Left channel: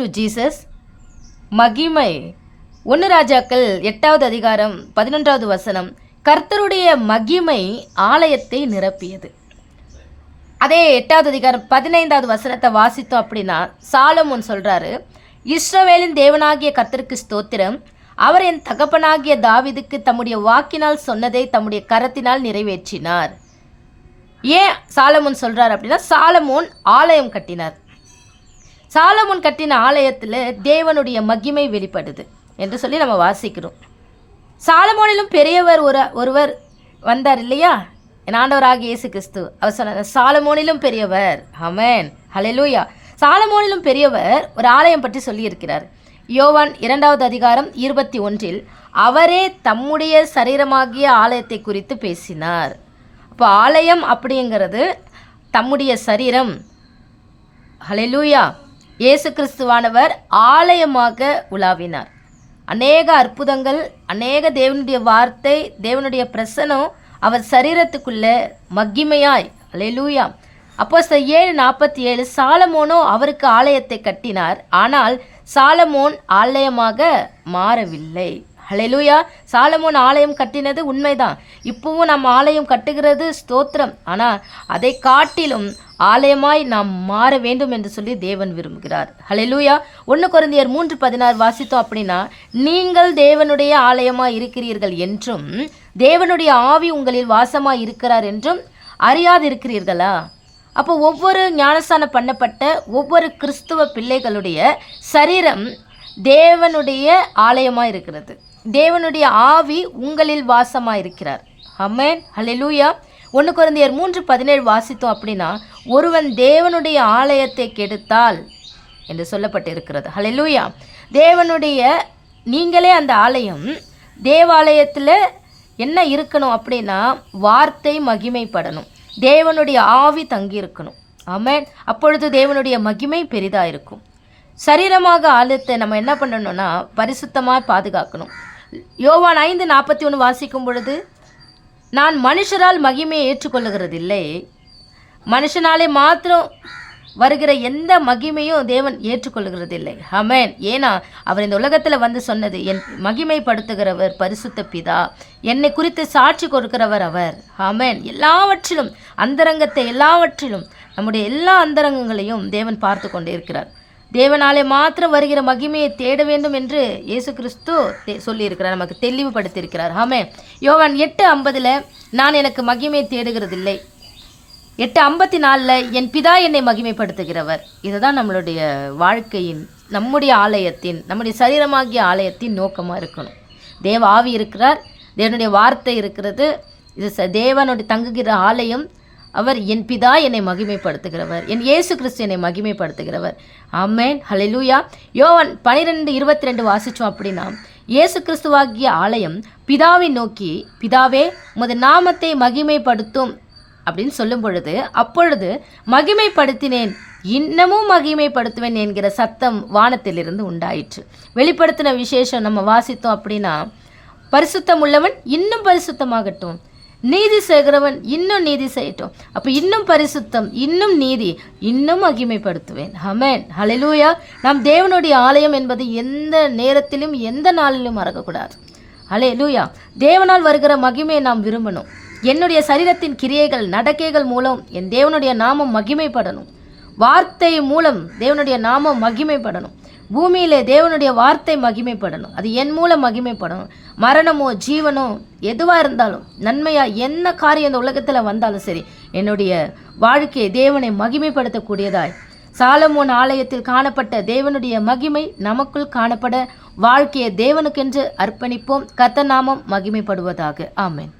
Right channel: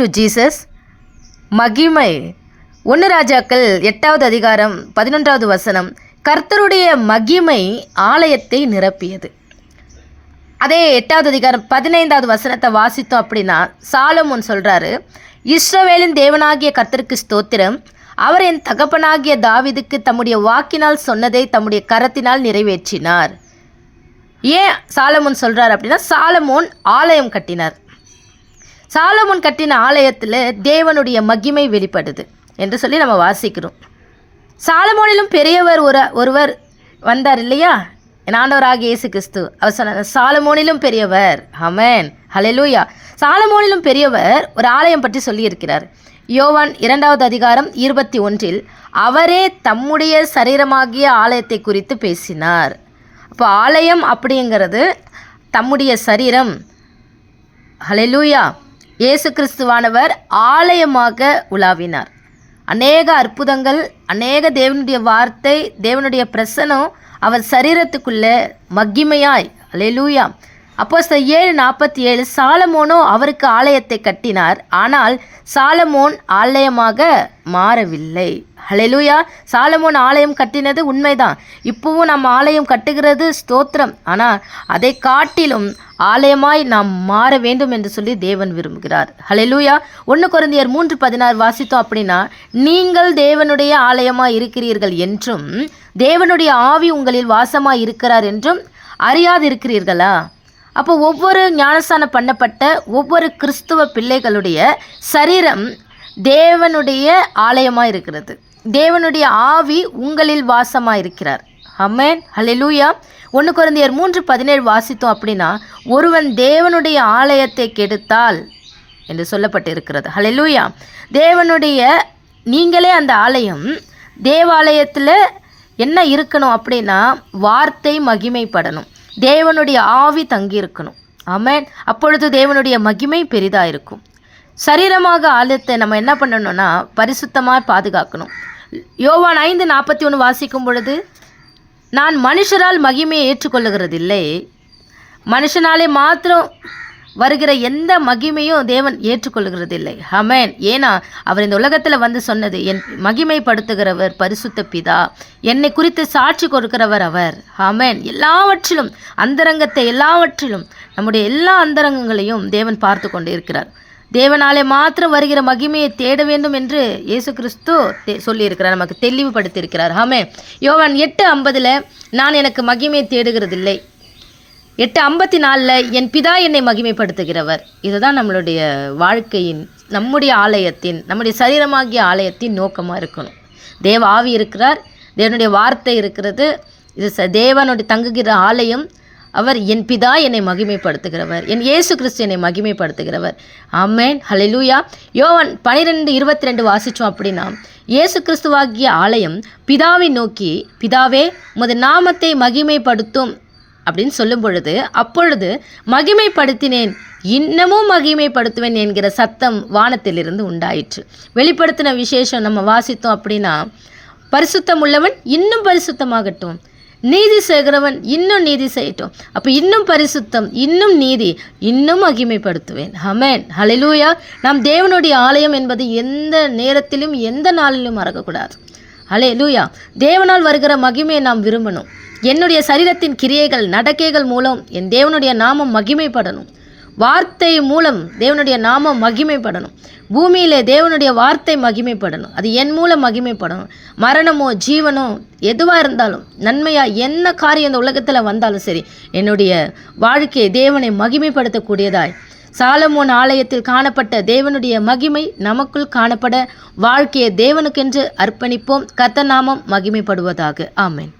To Jesus. மகிமை. 1 ராஜாக்கள் 8வது அதிகாரம் 11வது வசனம். கர்த்தருடைய மகிமை ஆலயத்தை நிரப்பியது. அதே 8வது அதிகாரம் 15வது வசனத்தை வாசித்தோம் அப்படின்னா சாலமோன் சொல்கிறாரு, இஸ்ரவேலின் தேவனாகிய கர்த்தருக்கு ஸ்தோத்திரம், அவர் என் தகப்பனாகிய தாவீதுக்கு தம்முடைய வாக்கினால் சொன்னதை தம்முடைய கரத்தினால் நிறைவேற்றினார். ஏன் சாலமோன் சொல்கிறார் அப்படின்னா, சாலமோன் ஆலயம் கட்டினார். சாலமோன் கட்டின ஆலயத்தில் தேவனுடைய மகிமை வெளிப்படுது என்று சொல்லி நம்ம வாசிக்கிறோம். சாலமோனிலும் பெரியவர் ஒருவர் வந்தார் இல்லையா, என் ஆண்டவராகிய இயேசு கிறிஸ்து. அவர் சொன்னார், சாலமோனிலும் பெரியவர். ஆமென், ஹல்லேலூயா. சாலமோனிலும் பெரியவர் ஒரு ஆலயம் பற்றி சொல்லியிருக்கிறார். யோவான் 2வது அதிகாரம் 21 அவரே தம்முடைய சரீரமாகிய ஆலயத்தை குறித்து பேசினார். அப்போ ஆலயம் அப்படிங்கிறது தம்முடைய சரீரம். ஹல்லேலூயா. இயேசு கிறிஸ்துவானவர் ஆலயமாக உலாவினார். அநேக அற்புதங்கள், அநேக தேவனுடைய வார்த்தை, தேவனுடைய பிரசனம் அவர் சரீரத்துக்குள்ளே மகிமையாய். ஹல்லேலூயா. அப்போஸ்தலர் 7:47 சாலமோனோ அவருக்கு ஆலயத்தை கட்டினார், ஆனால் சாலமோன் ஆலயமாக மாறவில்லை. ஹல்லேலூயா. சாலமோன் ஆலயம் கட்டினது உண்மைதான். இப்போவும் நம்ம ஆலயம் கட்டுகிறது, ஸ்தோத்திரம். ஆனால் அதை காட்டிலும் ஆலயமாய் நாம் மாற வேண்டும் என்று சொல்லி தேவன் விரும்புகிறார். ஹல்லேலூயா. 1 கொரிந்தியர் 3:16 வாசித்தோம் அப்படின்னா, நீங்கள் தேவனுடைய ஆலயமாய் இருக்கிறீர்கள் என்றும் தேவனுடைய ஆவி உங்களில் வாசமாய் இருக்கிறார் என்றும் அறியாதிருக்கிறீர்களா? அப்போ ஒவ்வொரு ஞானஸ்தானம் பண்ணப்பட்ட ஒவ்வொரு கிறிஸ்துவ பிள்ளைகளுடைய சரீரம் தேவனுடைய ஆலயமாக இருக்கிறது. தேவனுடைய ஆவி உங்களில் வாசமாக இருக்கிறார். ஆமென், ஹல்லேலூயா. 1 கொரிந்தியர் 3:17 வாசித்தோம் அப்படின்னா, ஒருவன் தேவனுடைய ஆலயத்தை கெடுத்தால் என்று சொல்லப்பட்டு இருக்கிறது. ஹல்லேலூயா. தேவனுடைய நீங்களே அந்த ஆலயம். தேவாலயத்தில் என்ன இருக்கணும் அப்படின்னா, வார்த்தை மகிமைப்படணும், தேவனுடைய ஆவி தங்கியிருக்கணும். ஆமென். அப்பொழுது தேவனுடைய மகிமை பெரிதாக இருக்கும். சரீரமாக ஆலயத்தை நம்ம என்ன பண்ணணும்னா பரிசுத்தமாக பாதுகாக்கணும். யோவான் 5:41 வாசிக்கும் பொழுது, நான் மனுஷரால் மகிமையை ஏற்றுக்கொள்ளுகிறதில்லை, மனுஷனாலே மாத்திரம் வருகிற எந்த மகிமையும் தேவன் ஏற்றுக்கொள்ளுகிறதில்லை. ஆமென். ஏன்னா அவர் இந்த உலகத்தில் வந்து சொன்னது, என் மகிமைப்படுத்துகிறவர் பரிசுத்த பிதா, என்னை குறித்து சாட்சி கொடுக்கிறவர் அவர். ஆமென். எல்லாவற்றிலும் அந்தரங்கத்தை, எல்லாவற்றிலும் நம்முடைய எல்லா அந்தரங்கங்களையும் தேவன் பார்த்து கொண்டே இருக்கிறார். தேவனாலே மாத்திரம் வருகிற மகிமையை தேட வேண்டும் என்று இயேசு கிறிஸ்து சொல்லியிருக்கிறார், நமக்கு தெளிவுபடுத்தியிருக்கிறார். ஆமென். யோவான் 8:50 நான் எனக்கு மகிமையை தேடுகிறதில்லை. 8:54 என் பிதா என்னை மகிமைப்படுத்துகிறவர். இதுதான் நம்மளுடைய வாழ்க்கையின், நம்முடைய ஆலயத்தின், நம்முடைய சரீரமாகிய ஆலயத்தின் நோக்கமாக இருக்கணும். தேவ ஆவி இருக்கிறார், தேவனுடைய வார்த்தை இருக்கிறது. இது தேவனுடைய தங்குகிற ஆலயம். அவர் என் பிதா என்னை மகிமைப்படுத்துகிறவர், என் இயேசு கிறிஸ்து என்னை மகிமைப்படுத்துகிறவர். ஆமென், ஹல்லேலூயா. யோவான் 12:22 வாசித்தோம் அப்படின்னா, இயேசு கிறிஸ்துவாகிய ஆலயம் பிதாவை நோக்கி, பிதாவே உமது நாமத்தை மகிமைப்படுத்தும் அப்படின்னு சொல்லும் பொழுது, அப்பொழுது மகிமைப்படுத்தினேன், இன்னமும் மகிமைப்படுத்துவேன் என்கிற சத்தம் வானத்திலிருந்து உண்டாயிற்று. வெளிப்படுத்தின விசேஷம் நம்ம வாசித்தோம் அப்படின்னா, பரிசுத்தம் உள்ளவன் இன்னும் பரிசுத்தமாகட்டும், நீதி செய்கிறவன் இன்னும் நீதி செய்யட்டும். அப்போ இன்னும் பரிசுத்தம், இன்னும் நீதி, இன்னும் மகிமைப்படுத்துவேன். ஆமென், ஹல்லேலூயா. நாம் தேவனுடைய ஆலயம் என்பது எந்த நேரத்திலும் எந்த நாளிலும் மறக்கக்கூடாது. ஹல்லேலூயா. தேவனால் வருகிற மகிமையை நாம் விரும்பணும். என்னுடைய சரீரத்தின் கிரியைகள், நடக்கைகள் மூலம் என் தேவனுடைய நாமம் மகிமைப்படணும். வார்த்தை மூலம் தேவனுடைய நாமம் மகிமைப்படணும். பூமியிலே தேவனுடைய வார்த்தை மகிமைப்படணும். அது என் மூலம் மகிமைப்படணும். மரணமோ ஜீவனோ எதுவாக இருந்தாலும், நன்மையா என்ன காரியம் இந்த உலகத்தில் வந்தாலும் சரி, என்னுடைய வாழ்க்கையை தேவனை மகிமைப்படுத்தக்கூடியதாய் சாலமோன் ஆலயத்தில் காணப்பட்ட தேவனுடைய மகிமை நமக்குள் காணப்பட வாழ்க்கையை தேவனுக்கென்று அர்ப்பணிப்போம். கர்த்தர் நாமம் மகிமைப்படுவதாக. ஆமென்.